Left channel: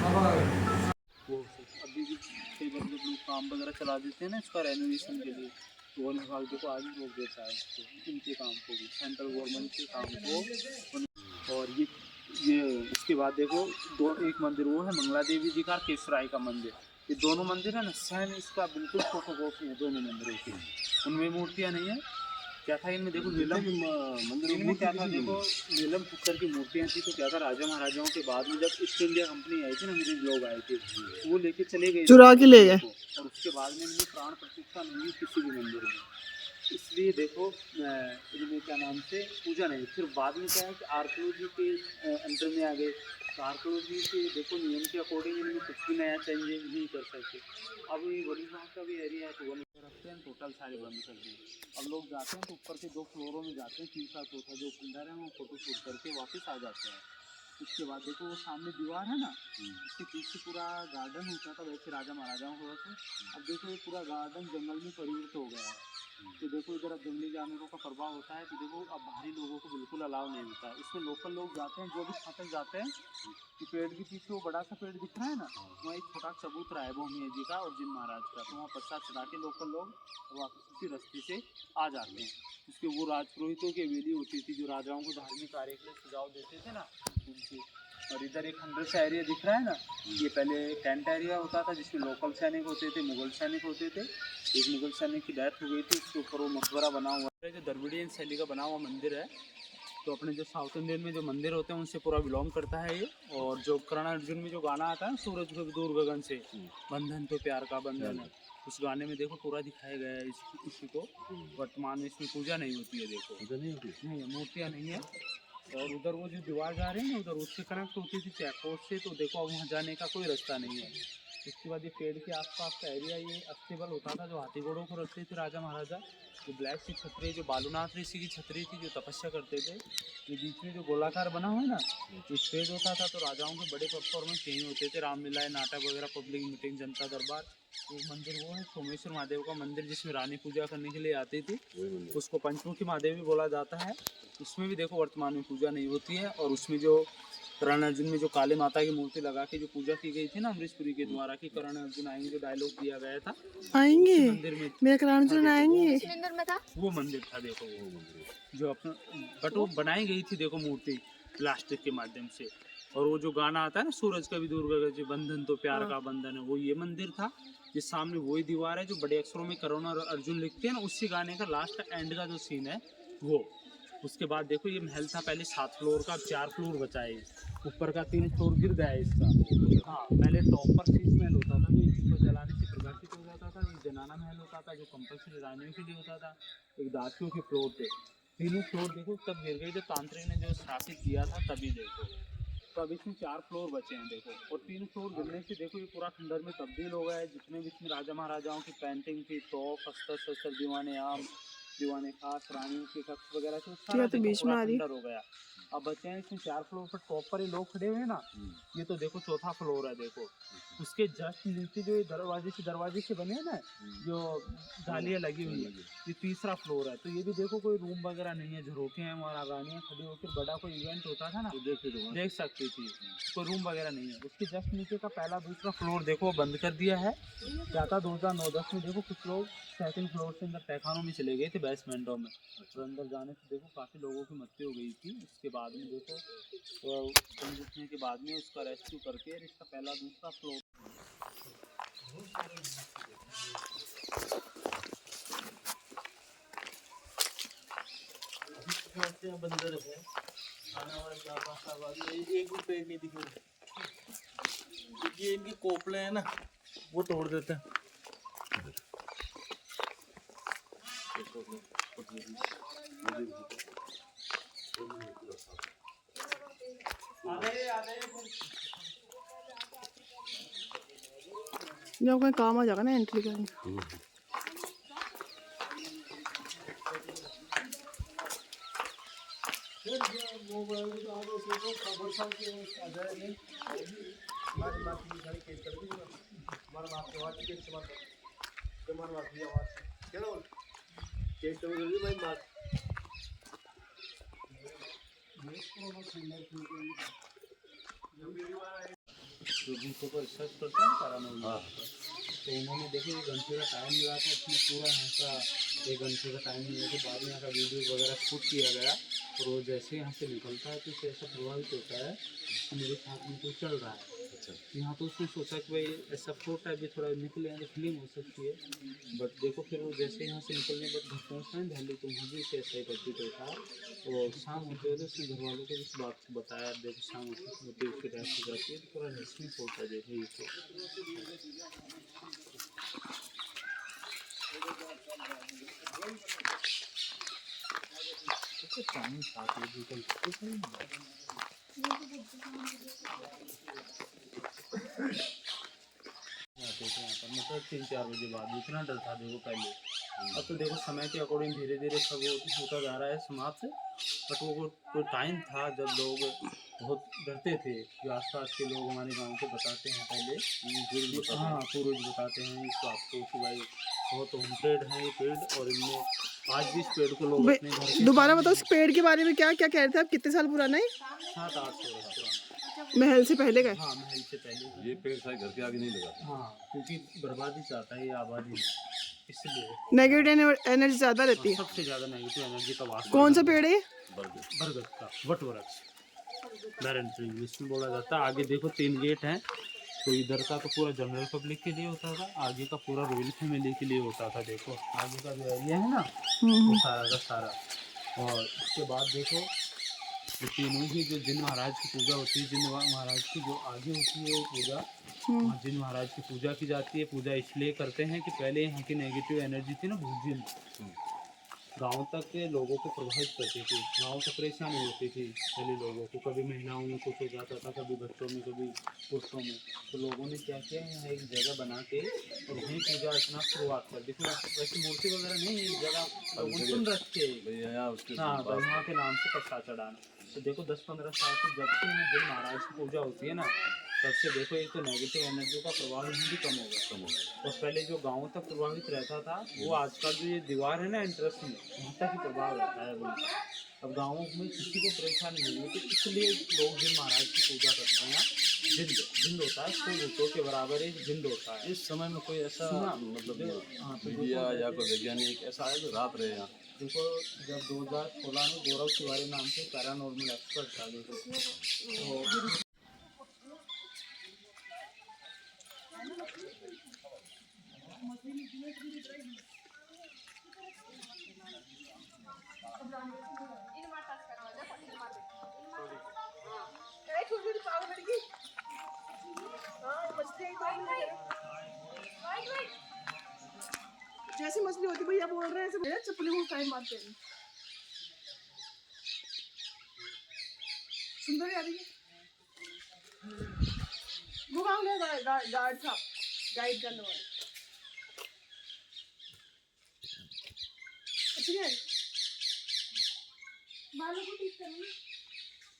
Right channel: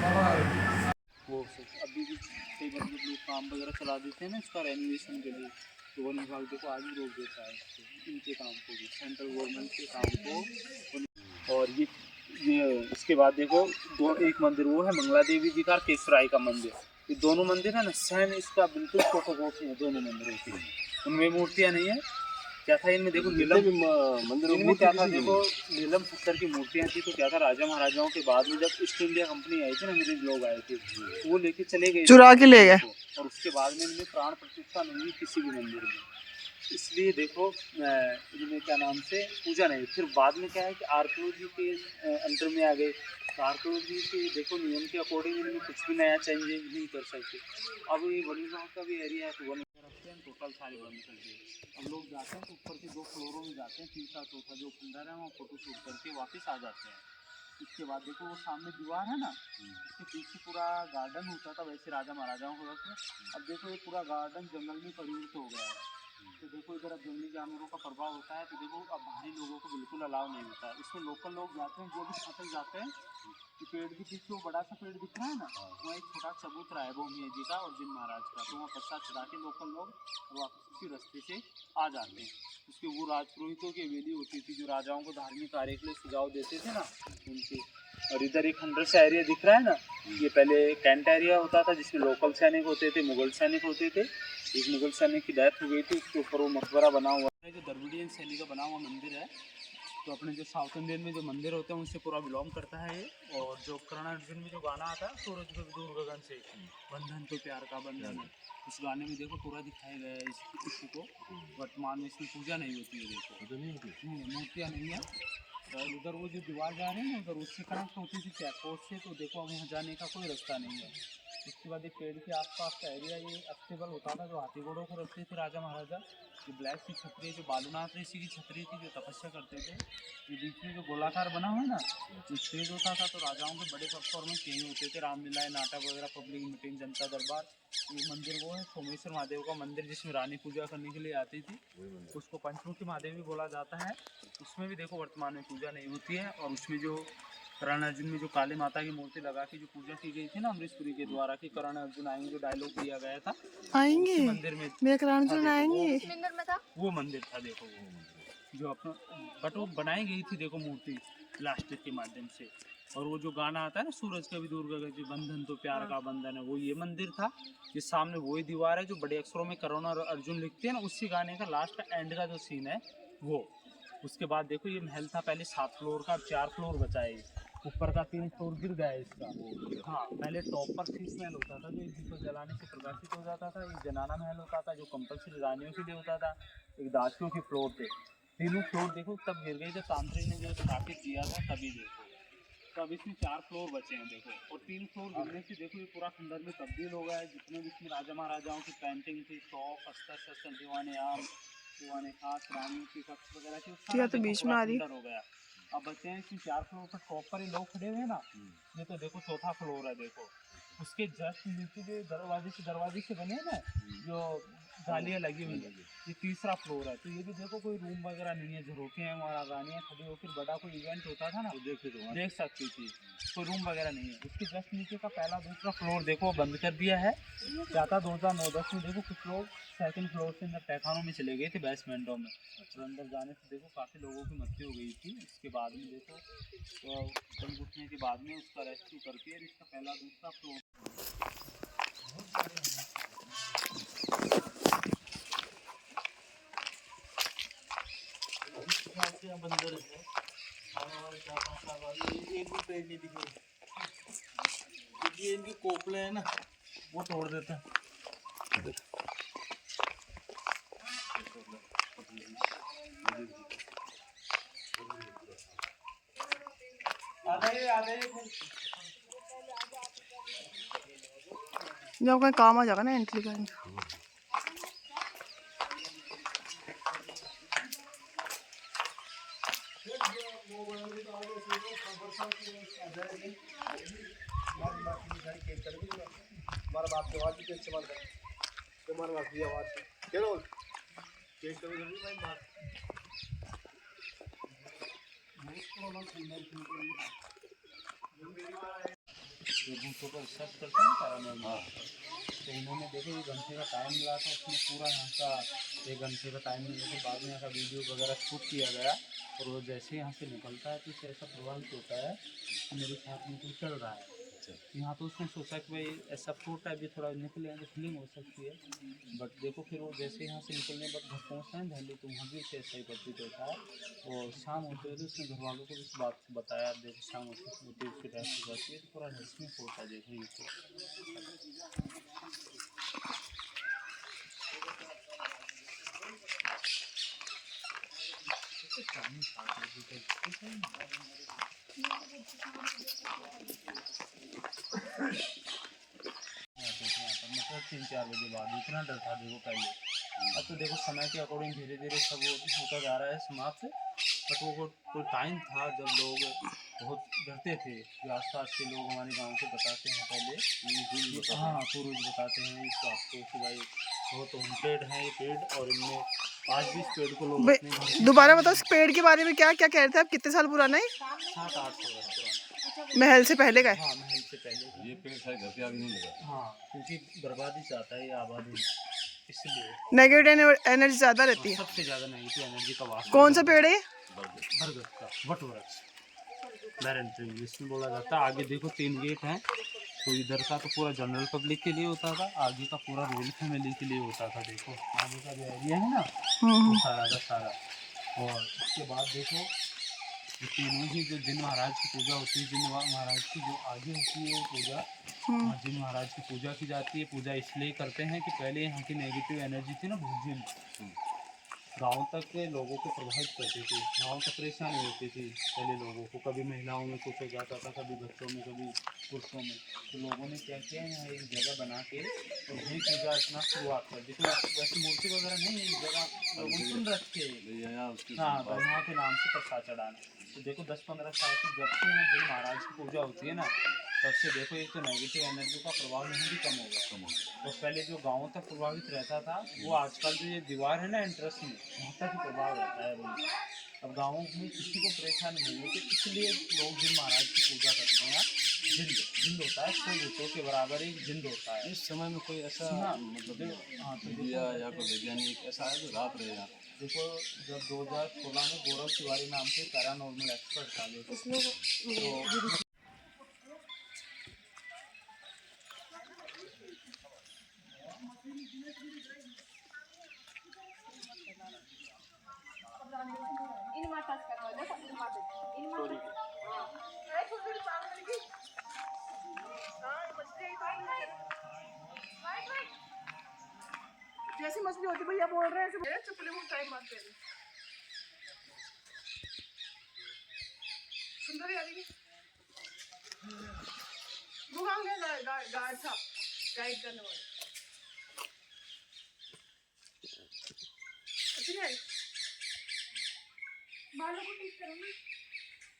वो अभी भी कई बार जब लोग काम वगैरह चला देते हैं ना इसका रेनोवेशन के लिए, तो वन विभाग देखो आज भी रोक देता है इसको, इनके काम को भी, सेंट्रल गवर्नमेंट के काम को। और ये इसके बाद देखो एक मंदिर वो है मंगला देवी जी का, केसराई का मंदिर, ये दोनों मंदिर है ना सेम इसका बिल्कुल फोटोकॉपी है दोनों मंदिरों की, उनमें मूर्तियाँ नहीं है। क्या था इनमें देखो नीलम मंदिर में क्या था, देखो नीलम पत्थर की मूर्तियाँ थी, तो क्या था राजा महाराजाओं के बाद में जब ईस्ट इंडिया कंपनी आई थी ना, अंग्रेज लोग आए थे, वो लेके चले गए, चुरा के ले गए, और उसके बाद में इनमें प्राण प्रतिष्ठा नहीं हुई किसी भी मंदिर में, इसलिए देखो इनमें क्या नाम से पूजा नहीं। फिर बाद में क्या है कि आर्कियोलॉजी के अंडर में आ गए, तो आर्कियोलॉजी के देखो नियम के अकॉर्डिंग इनमें कुछ भी नया चेंज नहीं कर सकते। अब ये वन विभाग का भी एरिया है, तो वन रखते हैं, टोटल सारे बंद कर दिए। अब लोग जाते हैं तो ऊपर के 2 फ्लोरों में जाते हैं, तीसरा चौथा जो खंडर है वहाँ फोटो शूट करके वापस आ जाते हैं। उसके बाद देखो वो सामने दीवार है ना, उसके पीछे पूरा गार्डन होता था वैसे राजा महाराजाओं को, अब देखो ये पूरा गार्डन जंगल में परिवर्तित हो गया है। तो देखो इधर अब जंगली जानवरों का प्रभाव होता है, तो देखो अब बाहरी लोगों को बिल्कुल अलाउ नहीं होता है, इसमें लोकल लोग जाते हैं, जो भी फसल जाते हैं, तो पेड़ के पीछे वो बड़ा सा पेड़ दिख रहा है ना, वहाँ एक छोटा चबूतरा है भूमिया जी का और जिन महाराज का, तो वहाँ पत्ता चढ़ा के लोकल लोग और वापस उसी रास्ते से आ जाते हैं। उसके वो राजपुरोहितों की हवेली होती थी जो राजाओं को धार्मिक कार्य के लिए सुझाव देते थे ना उनकी। और इधर एक 100 सा एरिया दिख रहा है ना, ये पहले कैंट एरिया होता था जिसमें लोकल सैनिक होते थे, मुगल सैनिक होते थे। एक मुगल सैनिक की डेथ हो गई थी, उसके ऊपर वो मकबरा बना हुआ है जो द्रविडियन शैली का बना हुआ मंदिर है। तो अपने जो साउथ इंडियन में जो मंदिर होते हैं उनसे पूरा बिलोंग करता है ये। और जो कर्ण अर्जुन में जो गाना आता है सूरज को दूर गगन से, बंधन तो प्यार का बंधन है, उस गाने में देखो पूरा दिखाया गया है इसी को। वर्तमान में इसमें पूजा नहीं होती है, देखो नहीं मूर्तियाँ नहीं है। और उधर वो जो दीवार जा रहे हैं ना उधर, उससे कनेक्ट होती थी चेक पोस्ट से, तो देखो अब वहाँ जाने का कोई रास्ता नहीं है। उसके बाद ये पेड़ के आसपास का एरिया ये अस्थेबल होता था जो हाथी घोड़ों को रखते थे राजा महाराजा। जो ब्लैक सी छतरी जो बालूनाथ ऋषि की छतरी थी जो तपस्या करते थे, ये बीच में जो गोलाकार बना हुआ है ना, ये स्टेज होता था, तो राजाओं के बड़े परफॉर्मेंस यहीं होते थे, रामलीलाएं, नाटक वगैरह, पब्लिक मीटिंग, जनता दरबार। एक मंदिर वो है सोमेश्वर महादेव का मंदिर जिसमें रानी पूजा करने के लिए आती थी, तो उसको पंचमुखी महादेव भी बोला जाता है। उसमें भी देखो वर्तमान में पूजा नहीं होती है। और उसमें जो कर्ण अर्जुन में जो काली माता की मूर्ति लगा के जो पूजा की गई थी ना अमरीशपुरी के द्वारा कि कर्ण अर्जुन आएंगे, जो डायलॉग दिया गया था आएंगे मंदिर में, मेरे कर्ण अर्जुन आएंगे, वो मंदिर था देखो, वो जो अपना बट वो बनाई गई थी देखो मूर्ति प्लास्टिक के माध्यम से। और वो जो गाना आता है ना सूरज का भी दूर गगन से, बंधन तो प्यार का बंधन है, वो ये मंदिर था। जिस सामने वही दीवार है जो बड़े अक्षरों में कर्ण और अर्जुन लिखते हैं ना, उसी गाने का लास्ट का एंड का जो सीन है वो। उसके बाद देखो ये महल था पहले 7 फ्लोर का, अब 4 फ्लोर बचा है, ऊपर का 3 फ्लोर गिर गया है इसका। हाँ पहले टॉप पर शीश महल होता था जो इसी को जलाने से प्रकाशित हो जाता था, एक जनाना महल होता था जो कंपल्सरी रानियों के लिए होता था, एक दासियों के फ्लोर पे। तीनों फ्लोर देखो तब गिर गई जब तांत्रिक ने जो स्थापित किया था तभी देखो। तो अब इसमें 4 फ्लोर बचे हैं देखो, और 3 फ्लोर गिरने से देखो ये पूरा खंडर में तब्दील हो गया है। जितने भी इसमें राजा महाराजाओं की पेंटिंग थी, तोप, अस्त्र शस्त्र, दीवाने आम, दीवाने खास, रानियों के कक्ष वगैरह थे, सारा तो बीच में आ रही है। खंडर हो गया। अब बचे हैं इसमें 4 फ्लोर पर टॉप पर ये लोग खड़े हुए हैं ना, ये तो देखो चौथा फ्लोर है देखो। उसके जस्ट नीचे जो दरवाजे से बने हैं ना, जो जालियाँ लगी हुई है, ये तीसरा फ्लोर है। तो ये भी देखो कोई रूम वगैरह नहीं है, झरोखे हैं वहाँ रानियाँ खड़ी होकर, बड़ा कोई इवेंट होता था ना तो देख सकती थी, कोई रूम वगैरह नहीं है। उसके जस्ट नीचे का पहला दूसरा फ्लोर देखो बंद कर दिया है। क्या था 2009-10 में देखो कुछ लोग सेकंड फ्लोर से अंदर तहखानों में चले गए थे, बेसमेंटों में, और अंदर जाने से देखो काफ़ी लोगों की मृत्यु हो गई थी। उसके बाद में देखो जंग उठने के बाद में उसका रेस्क्यू करके इसका पहला दूसरा फ्लोर बंदर है। खाने वाले 4-5 साल बाद एक भी पेड़ नहीं दिखे, क्योंकि इनकी कोपले है ना वो तोड़ देते हैं। जब कोई काम आ जाएगा ना एंट्री करने का। जो भूतों पर रिसर्च करते हैं पैरानॉर्मल पर, तो उन्होंने देखो 1 घंटे का टाइम मिला था, उसमें पूरा यहाँ का 1 घंटे का टाइम मिलने के बाद में यहाँ का वीडियो वगैरह शूट किया गया। और वो जैसे यहाँ से निकलता है तो उससे ऐसा प्रभावित होता है कि मेरे साथ में कोई चल रहा है। यहाँ तो उसने सोचा कि भाई ऐसा फ्रूट टाइप भी थोड़ा निकले हैं तो फीलिंग हो सकती है, बट देखो फिर वो जैसे यहाँ से निकलने के बाद घर पहुँचता है दिल्ली, तो वहाँ भी उसे ऐसा ही प्रतीत होता है। और शाम होते हुए उसने घर वालों को भी इस बात को बताया, देखो शाम होते उसकी डेथ हो जाती है, तो पूरा रहस्यमय होता है। देखो आते थे यहाँ पर, मतलब 3-4 बजे बाद इतना डर था देखो पहले। अब तो देखो समय के अकॉर्डिंग धीरे धीरे सब वो होता जा रहा है समाप्त, बट वो कोई टाइम था जब लोग बहुत डरते थे। जो आसपास के लोग हमारे गांव के बताते हैं पहले, हाँ पूर्वज बताते हैं इस बात को कि भाई बहुत हॉन्टेड है ये पेड़, और इनमें आज भी इस पेड़ को लोग अपने घर के दोबारा बताओ इस पेड़ के बारे में, क्या क्या कह रहे थे आप, कितने साल पुराना है? 700-800 वर्ष पुराना। महल से पहले का है? हाँ महल से पहले। ये पेड़ शायद घर के आगे नहीं लगा। हाँ क्योंकि बर्बादी चाहता है ये आबादी नहीं, इसलिए नेगेटिव एनर्जी ज्यादा रहती है। सबसे ज़्यादा नेगेटिव एनर्जी का वास कौन सा पेड़ है ये? बरगद का वट वृक्ष, बैरन ट्री इसमें बोला जाता है। आगे देखो 3 गेट हैं, तो इधर का तो पूरा जनरल पब्लिक के लिए होता था, आगे का पूरा रॉयल फैमिली के लिए होता था। देखो आगे का जो एरिया है ना वो सारा का सारा। और उसके बाद देखो ये तीनों ही जो जिन महाराज की पूजा होती है, जिन महाराज की जो आगे होती है वो पूजा, वहाँ जिन महाराज की पूजा की जाती है। पूजा इसलिए करते हैं कि पहले यहाँ की नेगेटिव एनर्जी थी ना भूजिन, गांव तक के लोगों को प्रभावित करती थी, गांव तक परेशानी होती थी पहले लोगों को, कभी महिलाओं में कुछ हो जाता था, कभी बच्चों में, कभी पुरुषों में। तो लोगों ने क्या किया, यहाँ एक जगह बना के और वहीं पूजा अर्चना शुरुआत कर दी। तो वैसे मूर्ति वगैरह नहीं, एक जगह लोगों ने सुन रखे, हाँ भाई वहाँ के नाम से प्रसाद चढ़ाना। तो देखो 10-15 साल से जब से यहाँ जिन महाराज की पूजा होती है ना, तब से देखो एक तो नेगेटिव एनर्जी का प्रभाव यहाँ भी कम हो गया। और पहले जो गाँव तक प्रभावित रहता था, वो आजकल जो ये दीवार है ना एंट्रेंस में, वहाँ तक ही प्रभाव रहता है वो। अब गाँवों में किसी को परेशानी नहीं होती, इसलिए लोग जिन महाराज की पूजा करते हैं। जिंद होता है, 100 भूतों के बराबर एक जिंद होता है। इस समय में कोई ऐसा मतलब हाँ तो मीडिया या कोई वैज्ञानिक ऐसा है जो रात रहे यहाँ? देखो जब 2016 में गौरव तिवारी नाम से पैरानॉर्मल एक्सपर्ट था, देखो तो जैसी मछली होती भैया बोल रहे हैं ऐसे चुपली को टाइम मारते हैं। सुंदर यार ये वो कहाँ गया गार्ड था, गाइड करने वाला। अच्छी है, बालों को ठीक करो ना,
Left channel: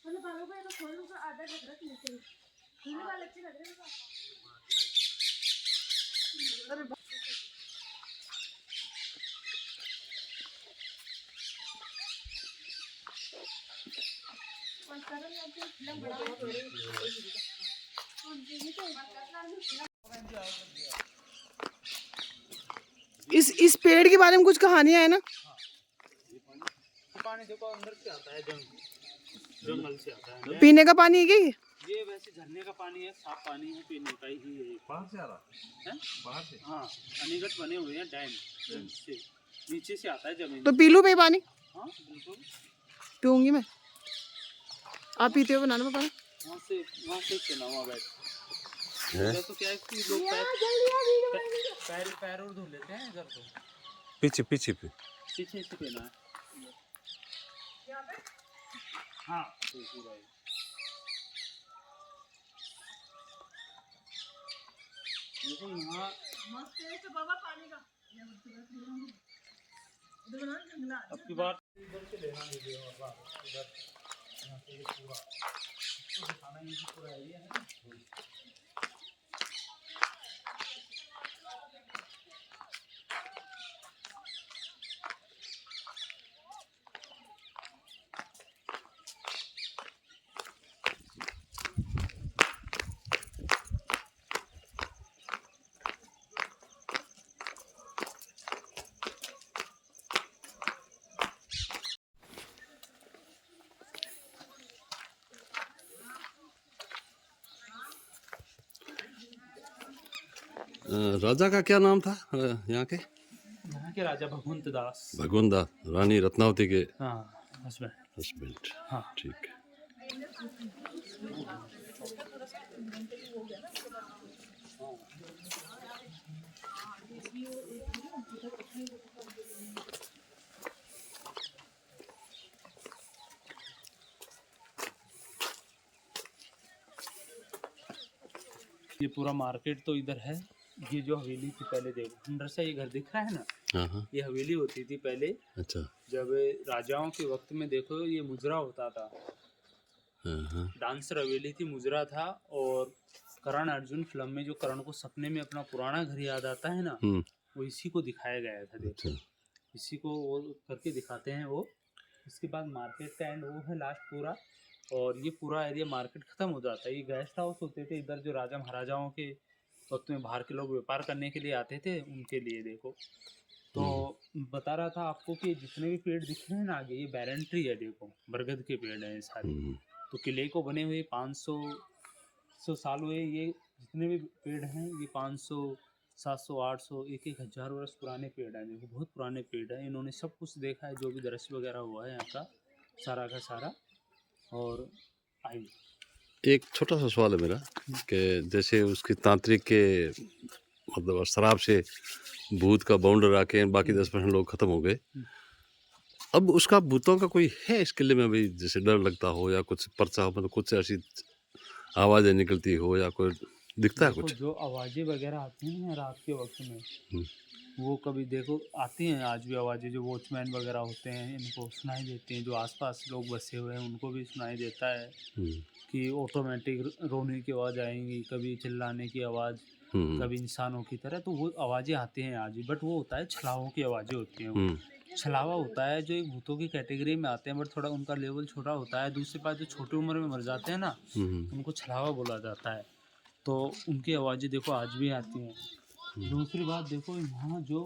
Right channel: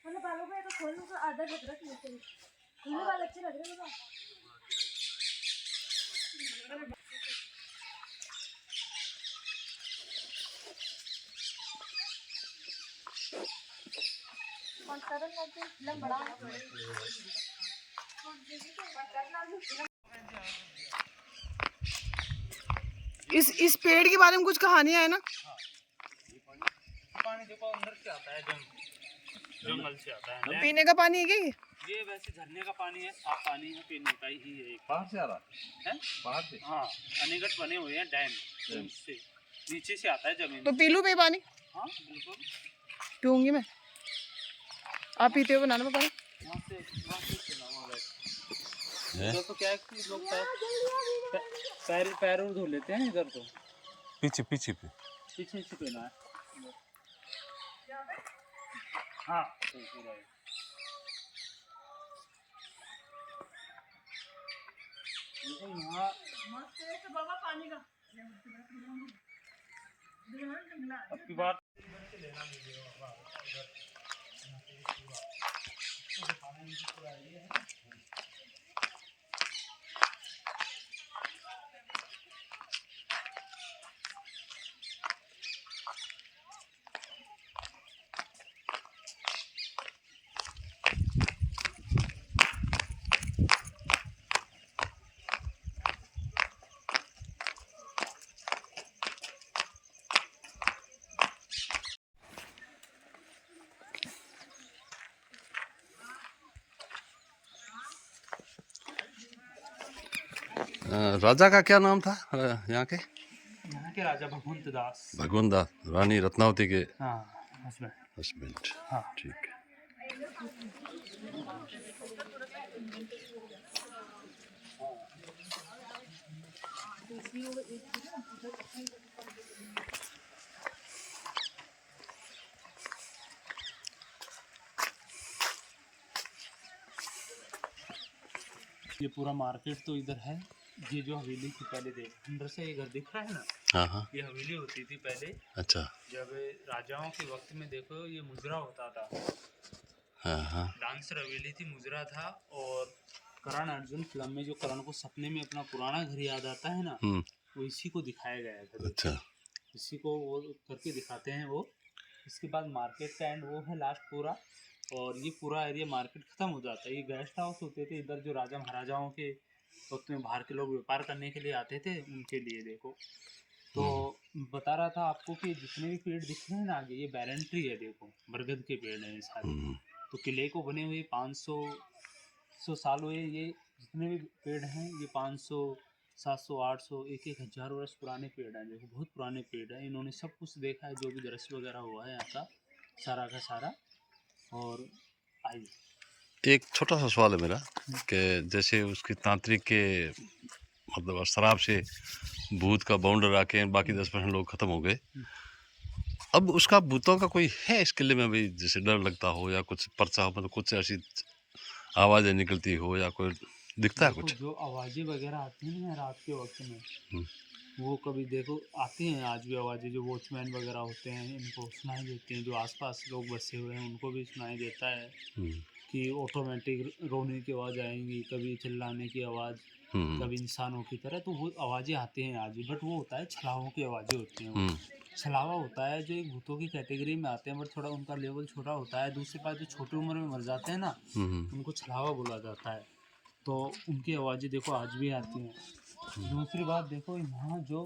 मतलब बालों को ऐसा खोल तो आधा लग रहा है, नीचे खुले बाल अच्छे लग रहे हैं। और सरल लग लंबा इस पेड़ के बारे में कुछ कहानियां है ना? पानी देखो अंदर से आता है, जंगल से आता है। पीने का पानी है क्या ये वैसे झरने का पानी है, साफ पानी है, पीने का ही है। बाहर से आ रहा है, बाहर से? हाँ अनेकट बने हुए हैं डैम से, नीचे से आता है जमीन। तो पी लूं भाई पानी? हाँ बिल्कुल पीऊंगी मैं। आप पीते हो बनाना पानी? वहाँ से पीना वहाँ बैठ। देखो क्या है कि लोग पैर धो लेते हैं इधर, तो पीछे पीछे पे पीछे से पीना है। हाँ तो पूरा है। देखो यहाँ अब की बात पूरा एरिया है। राजा का क्या नाम था यहाँ के? यहाँ के राजा भगवंत दास। भगवंत दास, रानी रत्नावती के हाँ हस्बैंड। हस्बैंड। हाँ ठीक है। ये पूरा मार्केट तो इधर है। ये जो हवेली थी पहले, देखो अंदर से ये घर दिख रहा है ना, हाँ हाँ। ये हवेली होती थी पहले। अच्छा। जब राजाओं के वक्त में देखो ये मुजरा होता था। हाँ हाँ। डांसर हवेली थी, मुजरा था। और करण अर्जुन फिल्म में जो करण को सपने में अपना पुराना घर याद आता है ना, वो इसी को दिखाया गया था। देखो अच्छा। इसी को वो करके दिखाते हैं वो। इसके बाद मार्केट का एंड वो है लास्ट पूरा। और ये पूरा एरिया मार्केट ख़त्म हो जाता है। ये गेस्ट हाउस होते थे इधर, जो राजा महाराजाओं के वक्त में बाहर के लोग व्यापार करने के लिए आते थे, उनके लिए। देखो तो बता रहा था आपको कि जितने भी पेड़ दिख रहे हैं ना आगे, ये बैरन ट्री है। देखो बरगद के पेड़ हैं ये सारे। तो किले को बने हुए 500 साल हुए। ये जितने भी पेड़ हैं ये 500, 700, 800, 1,000 वर्ष पुराने पेड़ हैं। देखो बहुत पुराने पेड़ हैं। इन्होंने सब कुछ देखा है, जो भी दृश्य वगैरह हुआ है यहाँ का सारा का सारा। और आइए, एक छोटा सा सवाल है मेरा कि जैसे उसकी तांत्रिक के मतलब शराब से भूत का बाउंडर आके बाकी 10% लोग ख़त्म हो गए, अब उसका भूतों का कोई है इस किले में भाई, जैसे डर लगता हो या कुछ परचा हो, मतलब कुछ ऐसी आवाज़ें निकलती हो या कोई दिखता है कुछ? जो आवाज़ें वगैरह आती हैं ना रात के वक्त में, वो कभी देखो आती हैं आज भी आवाज़ें। जो वॉचमैन वगैरह होते हैं इनको सुनाई देती हैं। जो आसपास लोग बसे हुए हैं उनको भी सुनाई देता है कि ऑटोमेटिक रोने की आवाज़ आएंगी, कभी चिल्लाने की आवाज़, कभी इंसानों की तरह। तो वो आवाज़ें आती हैं आज भी। बट वो होता है छलावों की आवाज़ें होती हैं। वो छलावा होता है जो एक भूतों की कैटेगरी में आते हैं, बट थोड़ा उनका लेवल छोटा होता है। दूसरी बात, जो छोटी उम्र में मर जाते हैं ना, उनको छलावा बोला जाता है। तो उनकी आवाज़ें देखो आज भी आती हैं। दूसरी बात देखो, यहाँ जो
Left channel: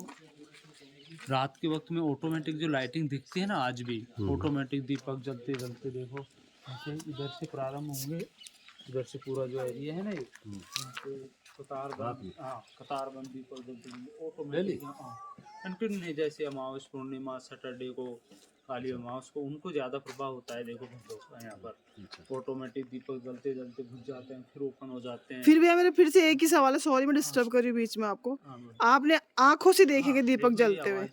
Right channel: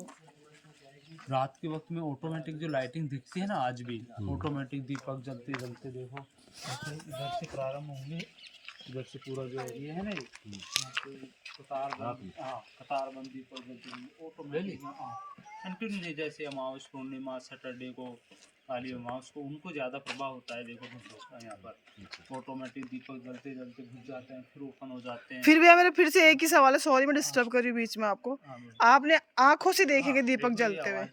रात के वक्त में ऑटोमेटिक जो लाइटिंग दिखती है ना आज भी, ऑटोमेटिक दीपक जलते जलते देखो ऐसे इधर से प्रारंभ होंगे। इधर से पूरा जो एरिया है ना, ये यहाँ पे कतारबंद दीपक जलते ऑटोमेटिक। हाँ कंटिन्यू नहीं, जैसे अमावस पूर्णिमा सैटरडे को, काली अमावस को, उनको ज़्यादा प्रभाव होता है। देखो भूतों का यहाँ पर ऑटोमेटिक दीपक जलते जलते बुझ जाते हैं, फिर ओपन हो जाते हैं। फिर भी मेरे फिर से एक ही सवाल है, सॉरी मैं डिस्टर्ब कर रही हूँ बीच में आपको। आपने आंखों से देखेंगे दीपक जलते हुए?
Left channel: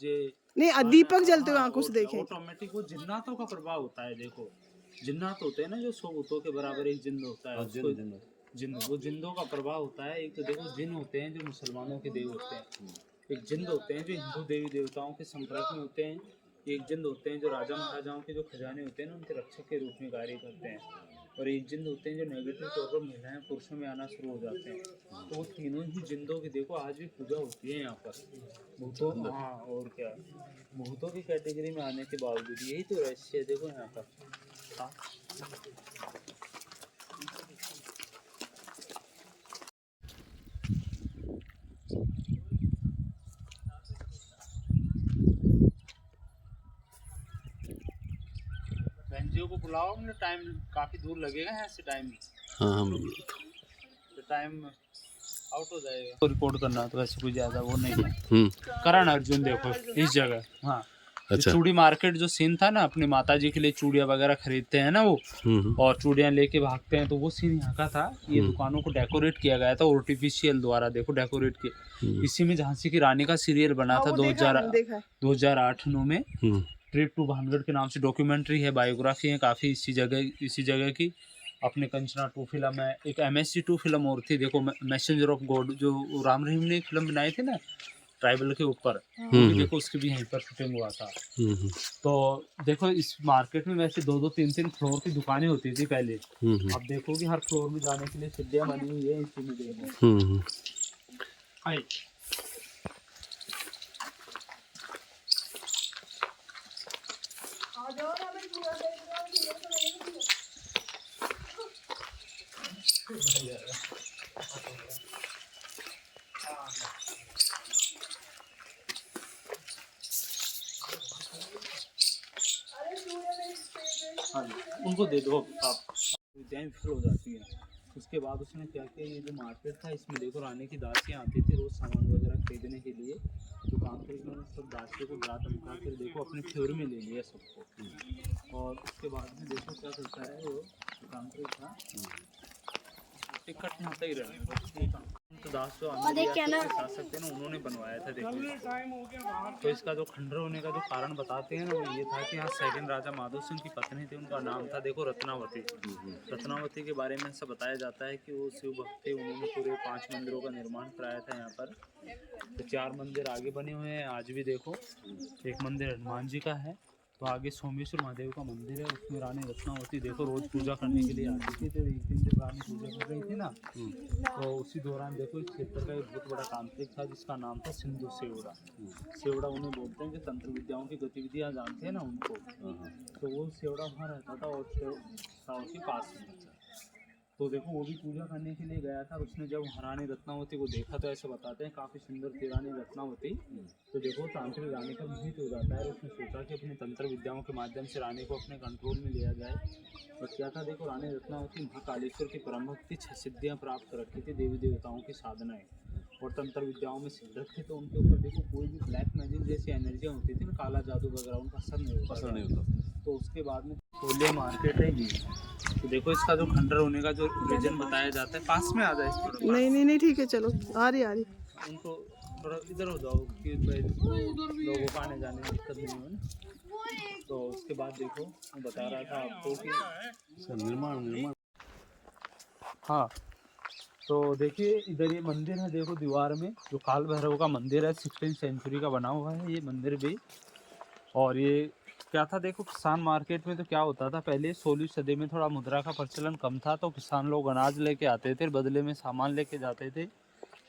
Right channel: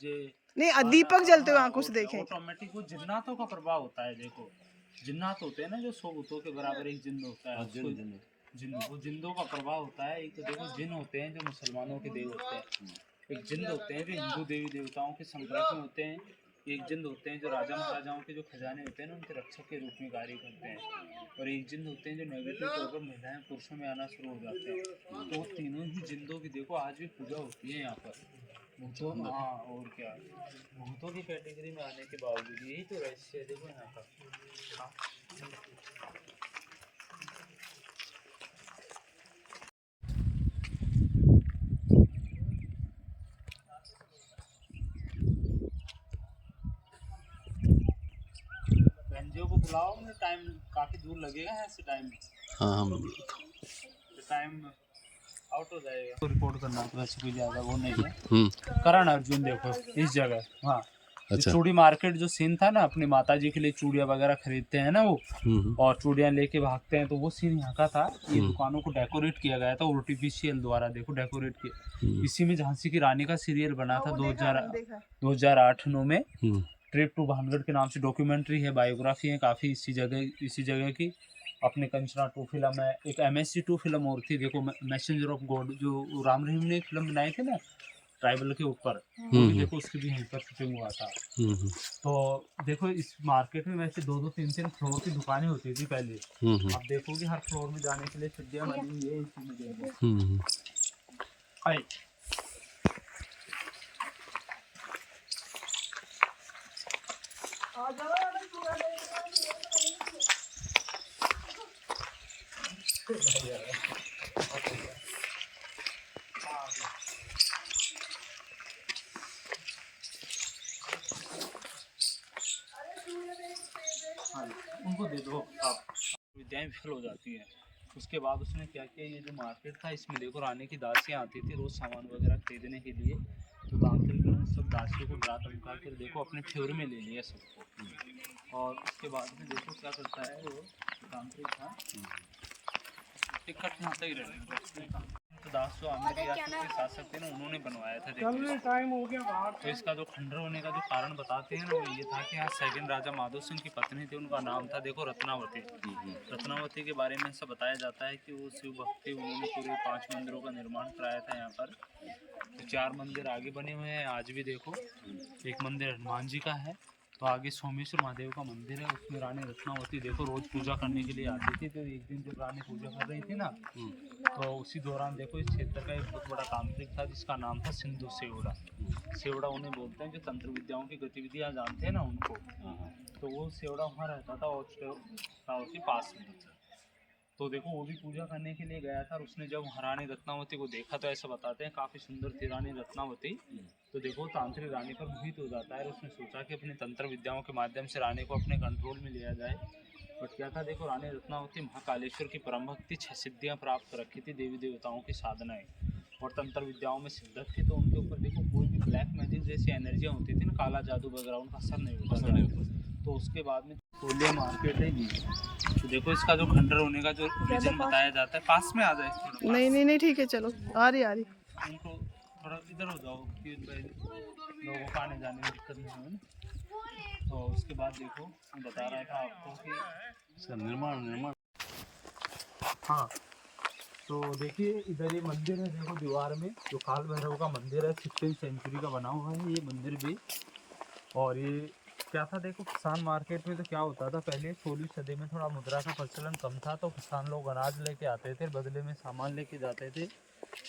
नहीं, दीपक जलते हुए आंखों से देखेंगे? ऑटोमेटिक वो जिन्नातों का प्रभाव होता है। देखो जिन्नात होते हैं ना, जो 100 भूतों के बराबर एक जिन्न होता है। जिन्न, वो जिन्दों का प्रभाव होता है। एक तो देखो जिन्न होते हैं जो मुसलमानों के देव होते हैं, एक जिन्न होते हैं जो हिंदू देवी देवताओं के संपर्क में होते हैं, एक जिन्न होते हैं जो राजा महाराजाओं के जो खजाने होते हैं ना उनके रक्षक के रूप में कार्य करते हैं, और एक जिन्न होते हैं जो नेगेटिव तौर पर महिलाएं पुरुषों में आना शुरू हो जाते हैं। तो वो तीनों ही जिन्दों की देखो आज भी पूजा होती है यहाँ पर भूतों। हाँ और क्या, भूतों की कैटेगरी में आने के बावजूद यही तो रहस्य है देखो यहाँ का। हाँ बहनजियों को बुलाओ, मुझे टाइम काफ़ी दूर लगेगा यहाँ से। टाइम हाँ मैं बोलता हूँ, तो टाइम आउट हो जाएगा। तो रिकॉर्ड करना तो वैसे कोई ज़्यादा वो नहीं है। करण अर्जुन देखो इस जगह। हाँ अच्छा। चूड़ी मार्केट जो सीन था ना, अपनी माता जी के लिए चूड़ियाँ वगैरह खरीदते हैं ना वो, और चूड़ियाँ लेके भागते हैं, तो वो सीन यहाँ का था। ये दुकानों को डेकोरेट किया गया था आर्टिफिशियल द्वारा। देखो डेकोरेट किया। इसी में झांसी की रानी का सीरियल बना था 2008-9 में। ट्रिप टू भानगढ़ के नाम से डॉक्यूमेंट्री है, बायोग्राफी है काफ़ी इसी जगह की। अपने कंचना 2 फिल्म है, एक MSC 2 फिल्म और थी देखो, मैसेंजर ऑफ गॉड, जो राम रहीम ने एक फिल्म बनाई थी ना ट्राइबल के ऊपर, देखो उसकी भी यहीं पर शूटिंग हुआ था। तो देखो इस मार्केट में वैसे 2-2, 3-3 फ्लोर की दुकानें होती थी पहले। अब देखो कि हर फ्लोर में जाने के लिए सीढ़ियाँ बनी हुई है इसी में। देखो आइए उनको दे दो आप, विद्याएं विफल हो जाती हैं। उसके बाद उसने क्या किया, ये जो मार्केट था इसमें देखो रानी की दासियाँ आती थी रोज़ सामान वगैरह खरीदने के लिए। तो तांत्रिक ने उन सब दासियों को डरा धमका कर देखो अपने फेवर में ले लिया सबको। और उसके बाद में देखो क्या करता है वो तांत्रिक था, टिकट यहाँ तक ही रहने तो दास जो आमिर रियासत के शासक थे ना, उन्होंने बनवाया था देखो इसको। तो इसका जो खंडर होने का जो कारण बताते हैं ना, वो ये था कि यहाँ सेकंड राजा माधो सिंह की पत्नी थी, उनका नाम था देखो रत्नावती। रत्नावती के बारे में ऐसा बताया जाता है कि वो शिव भक्त थे, उन्होंने पूरे 5 मंदिरों का निर्माण कराया था यहाँ पर। तो 4 मंदिर आगे बने हुए हैं आज भी देखो। एक मंदिर हनुमान जी का है, तो आगे सोमेश्वर महादेव का मंदिर है, उसमें रानी रत्नावती देखो रोज पूजा करने के लिए आती थी। तो एक दिन जब रानी पूजा कर रही थी ना, तो उसी दौरान देखो इस क्षेत्र का एक बहुत बड़ा तांत्रिक था जिसका नाम था सिंधु सेवड़ा। सेवड़ा उन्हें बोलते हैं जो तंत्र विद्याओं की गतिविधियाँ जानते हैं ना उनको। तो वो सेवड़ा वहाँ रहता था और के पास में। तो देखो वो भी पूजा करने के लिए गया था, और उसने जब रानी रत्नावती को देखा तो ऐसा बताते हैं काफ़ी सुंदर थी रानी रत्नावती। तो देखो तांत्रिक रानी पर मोहित हो जाता है, और उसने सोचा कि अपनी तंत्र विद्याओं के माध्यम से रानी को अपने कंट्रोल में लिया जाए। बट क्या था देखो, रानी रत्नावती महाकालेश्वर की परम भक्ति 6 सिद्धियाँ प्राप्त कर रखी थी, देवी देवताओं की साधनाएँ और तंत्र विद्याओं में सिद्धत थी। तो उनके ऊपर देखो कोई भी ब्लैक मैजिक जैसी एनर्जियाँ होती थी ना, काला जादू वगैरह, उनका असर नहीं होता। तो उसके बाद में कोलिया मार्केट है ये। तो देखो इसका जो खंडर होने का जो रीजन बताया जाता है, पास में आ जाए थोड़ा। नहीं ठीक है, चलो आ रही उनको थोड़ा इधर हो जाओ कि लोगों को आने जाने में दिक्कत नहीं हो ना। तो उसके बाद देखो मैं बता रहा था आपको कि इसका निर्माण हाँ, तो देखिए इधर ये मंदिर है देखो दीवार में, जो काल भैरव का मंदिर है, 16वीं सेंचुरी का बना हुआ है ये मंदिर भी। और ये क्या था देखो, किसान मार्केट में तो क्या होता था पहले 16वीं सदी में थोड़ा मुद्रा का प्रचलन कम था, तो किसान लोग अनाज लेके आते थे, बदले में सामान लेके जाते थे,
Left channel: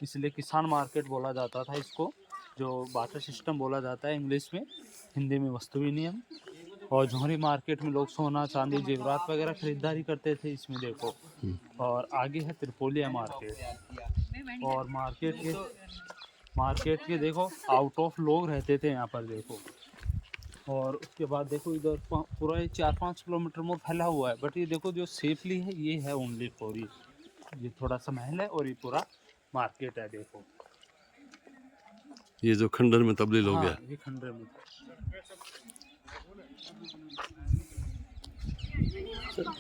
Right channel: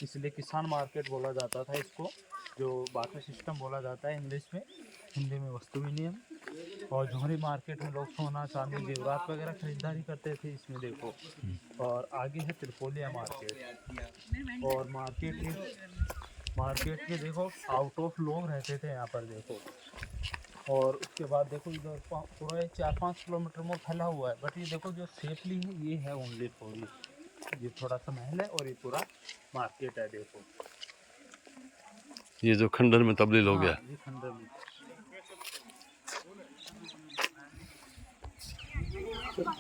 इसलिए किसान मार्केट बोला जाता था इसको, जो बाटर सिस्टम बोला जाता है इंग्लिश में, हिंदी में वस्तु विनिमय। और झोरी मार्केट में लोग सोना चांदी जेवरात वगैरह खरीदारी करते थे इसमें देखो। और आगे है त्रिपोलिया मार्केट, और मार्केट के देखो आउट ऑफ लोग रहते थे यहाँ पर देखो। और उसके बाद देखो इधर पूरा ये 4-5 किलोमीटर में फैला हुआ है, बट ये देखो जो सेफली है ये है ओनली पूरी, ये थोड़ा सा महल है और ये पूरा मार्केट है देखो। ये जो खंडर में तब्दील हो गया, ये खंडर में।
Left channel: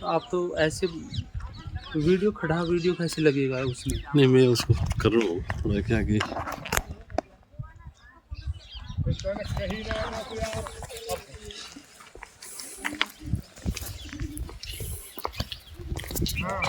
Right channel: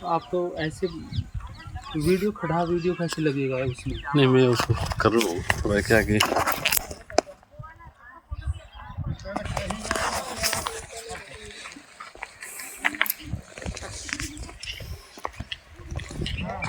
आप तो ऐसे वीडियो खड़ा वीडियो कैसे लगेगा उसमें? नहीं मैं उसको कर रहा हूँ थोड़ा क्या कि हाँ